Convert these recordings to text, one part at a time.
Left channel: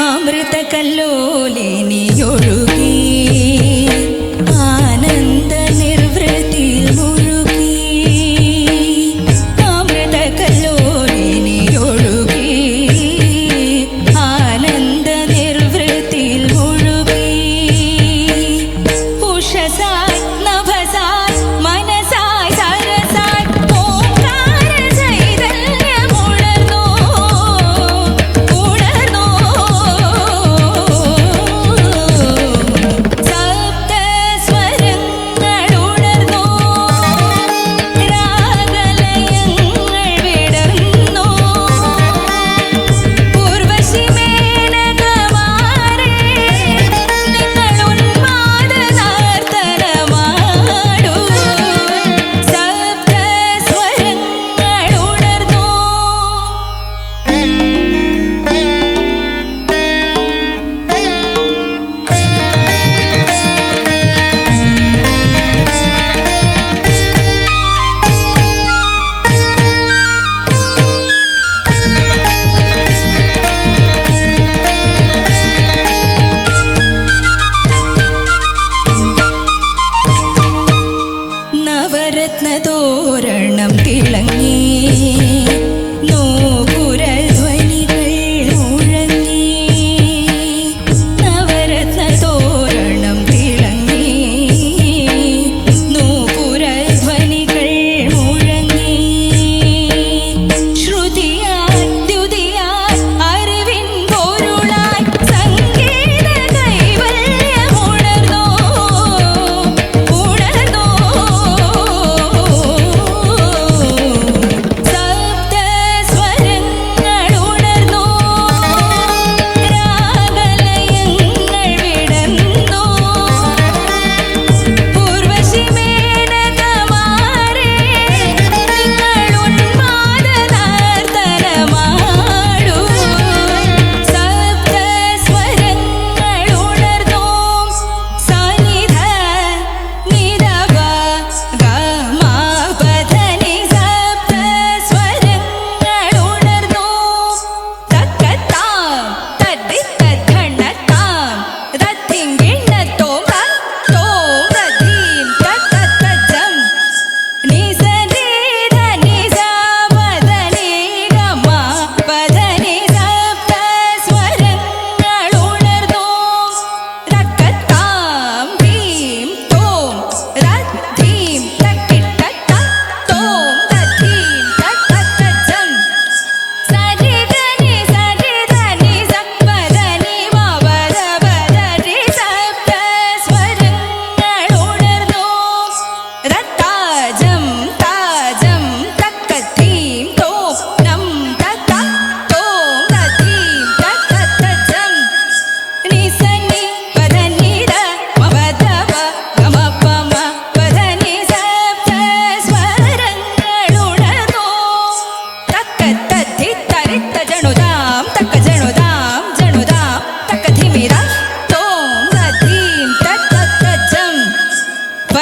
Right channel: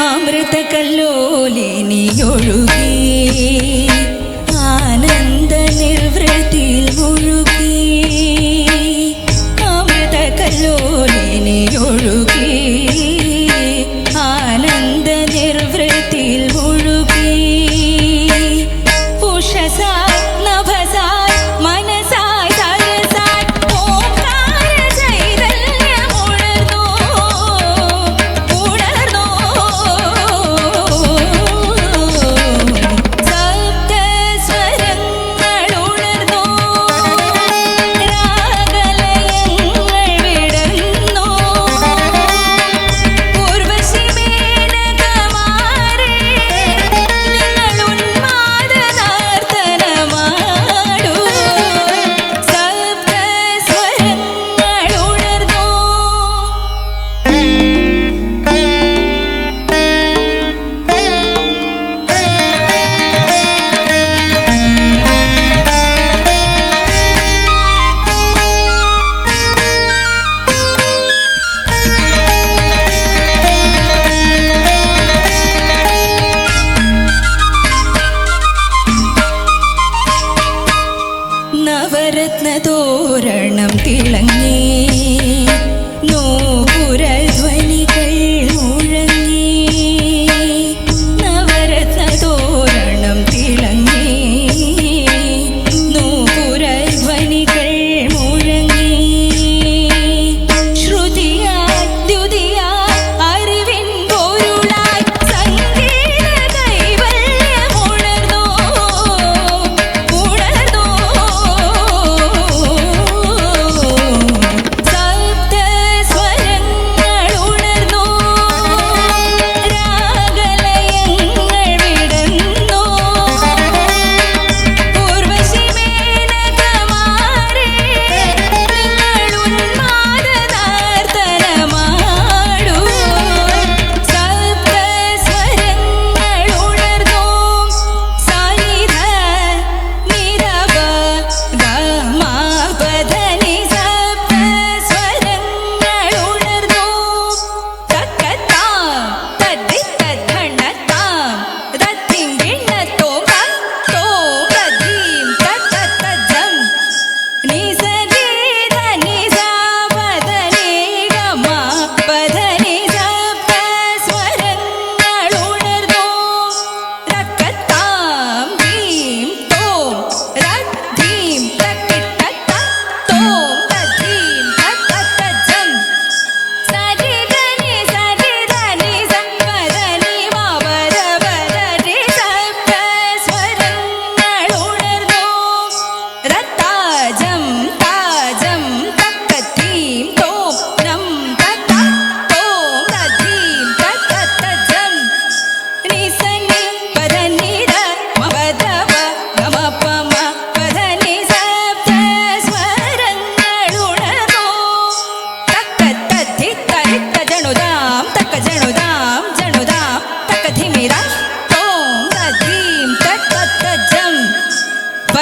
അമൃത കല്ലോലിനിയൊഴുകി ആനന്ദ നിർവൃത്തിയിൽ മുഴുകി Amrita കല്ലോലിനിയൊഴുകി ni nụ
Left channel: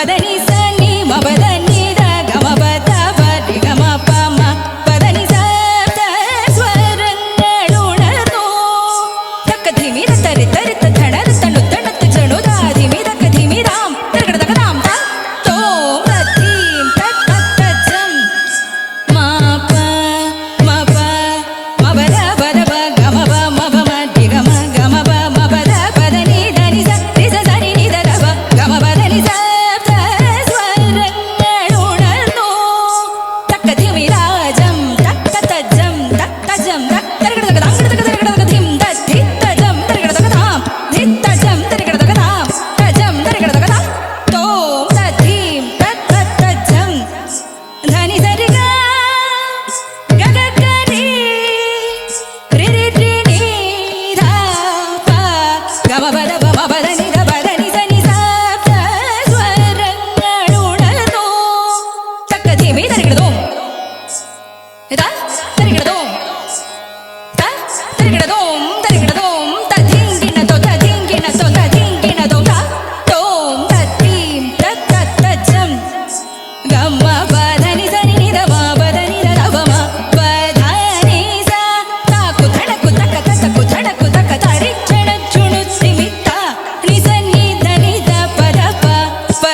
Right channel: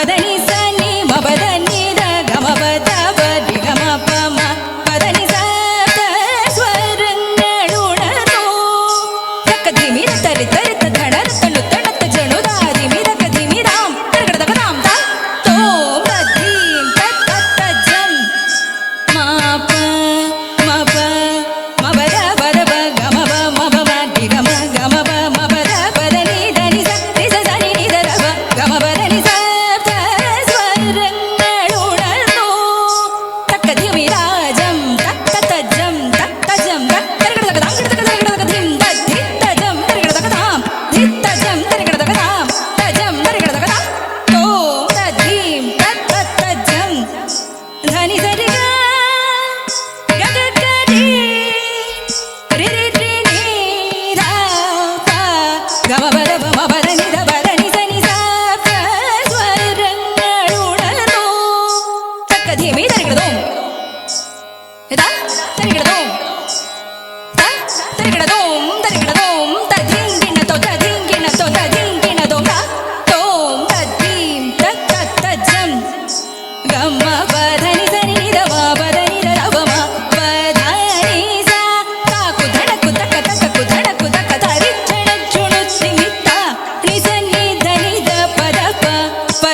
పదని సని మబద నిద గమ బద బరి గమ పమ పదని సప్ത സ്വരങ്ങളുണർന്നു തക്ക ധിമിര തരി തരിത്ത ധണർ തണു തണുത്ത ജണുതാ ധിമിര കധിമിരാം തരകട തകതാം താ തോം തദ്ധീം തത് തജ്ജം മാപ മപ മബദ ബദ ബ గమ బద బమ బద నిద బద నిద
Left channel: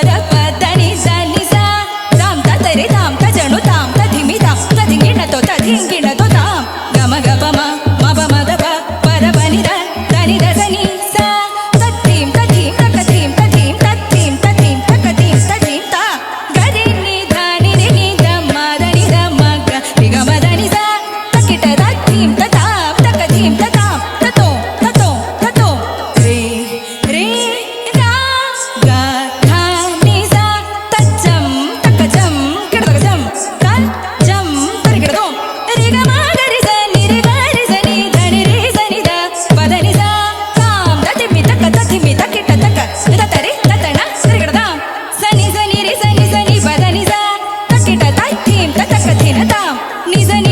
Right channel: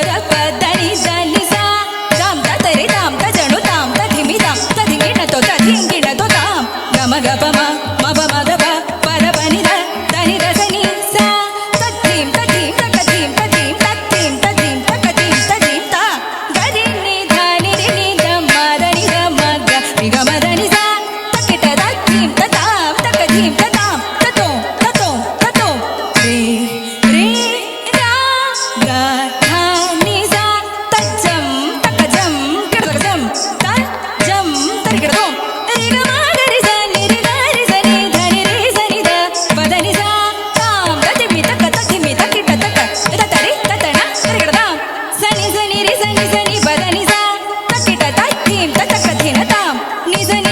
ధర పదని దలిసా తాం తరి తాం తజను తాం తధిమి తాం తధింగిణతో తధింగిణతో తాం గమ గపమ మప మదప 你在你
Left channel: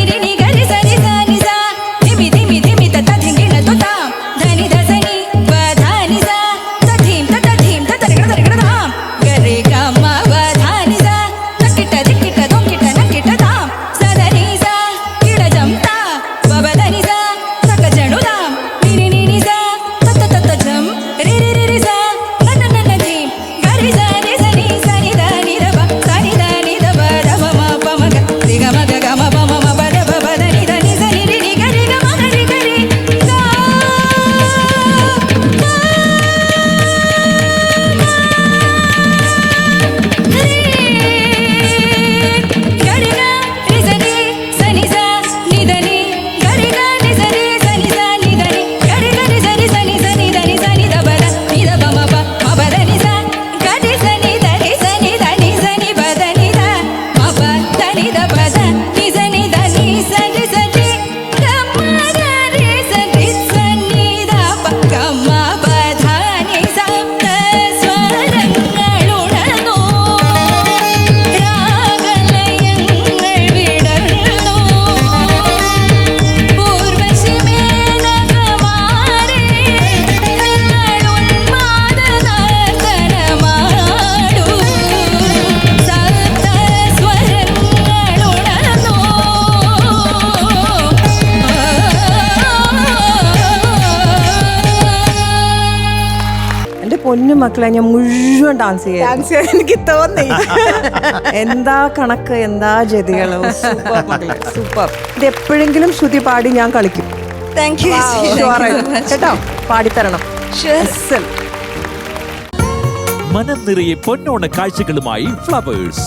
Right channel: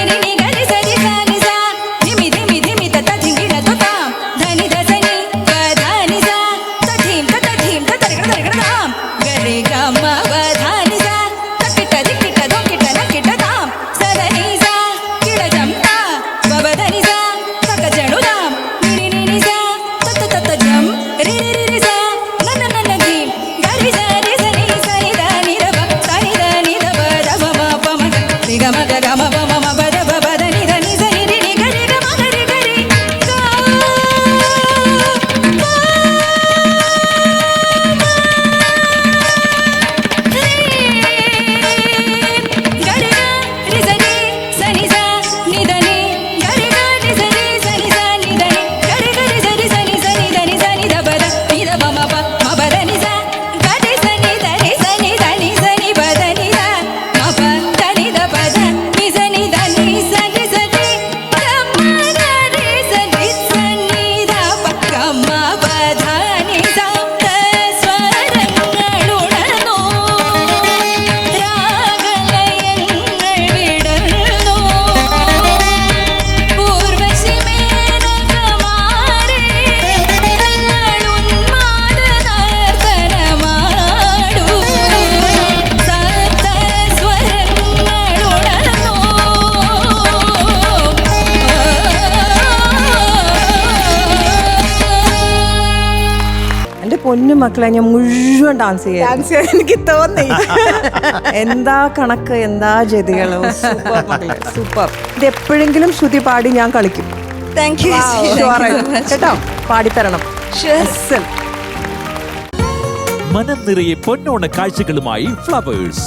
പൊന്നു മക്കളെ ഞാൻ മുഴുവൻ ഡാൻസ് ചെയ്യാം ഡാൻസ് ചെയ്യാൻ എനിക്ക് തോന്നി. എന്താ കണക്ക് എന്താ ജതികൾ? സൂപ്പർ സൂപ്പർ ഇത് എപ്പോഴെങ്കിലും ശ്രുതി പാടി ഞാൻ കളിക്കും. താങ്ക് യു കേട്ടോ? പാടിത്തരണം. മനം നിറയെ പൊന്നോണ കാഴ്ചകളുമായി ഫ്ലവേഴ്സ്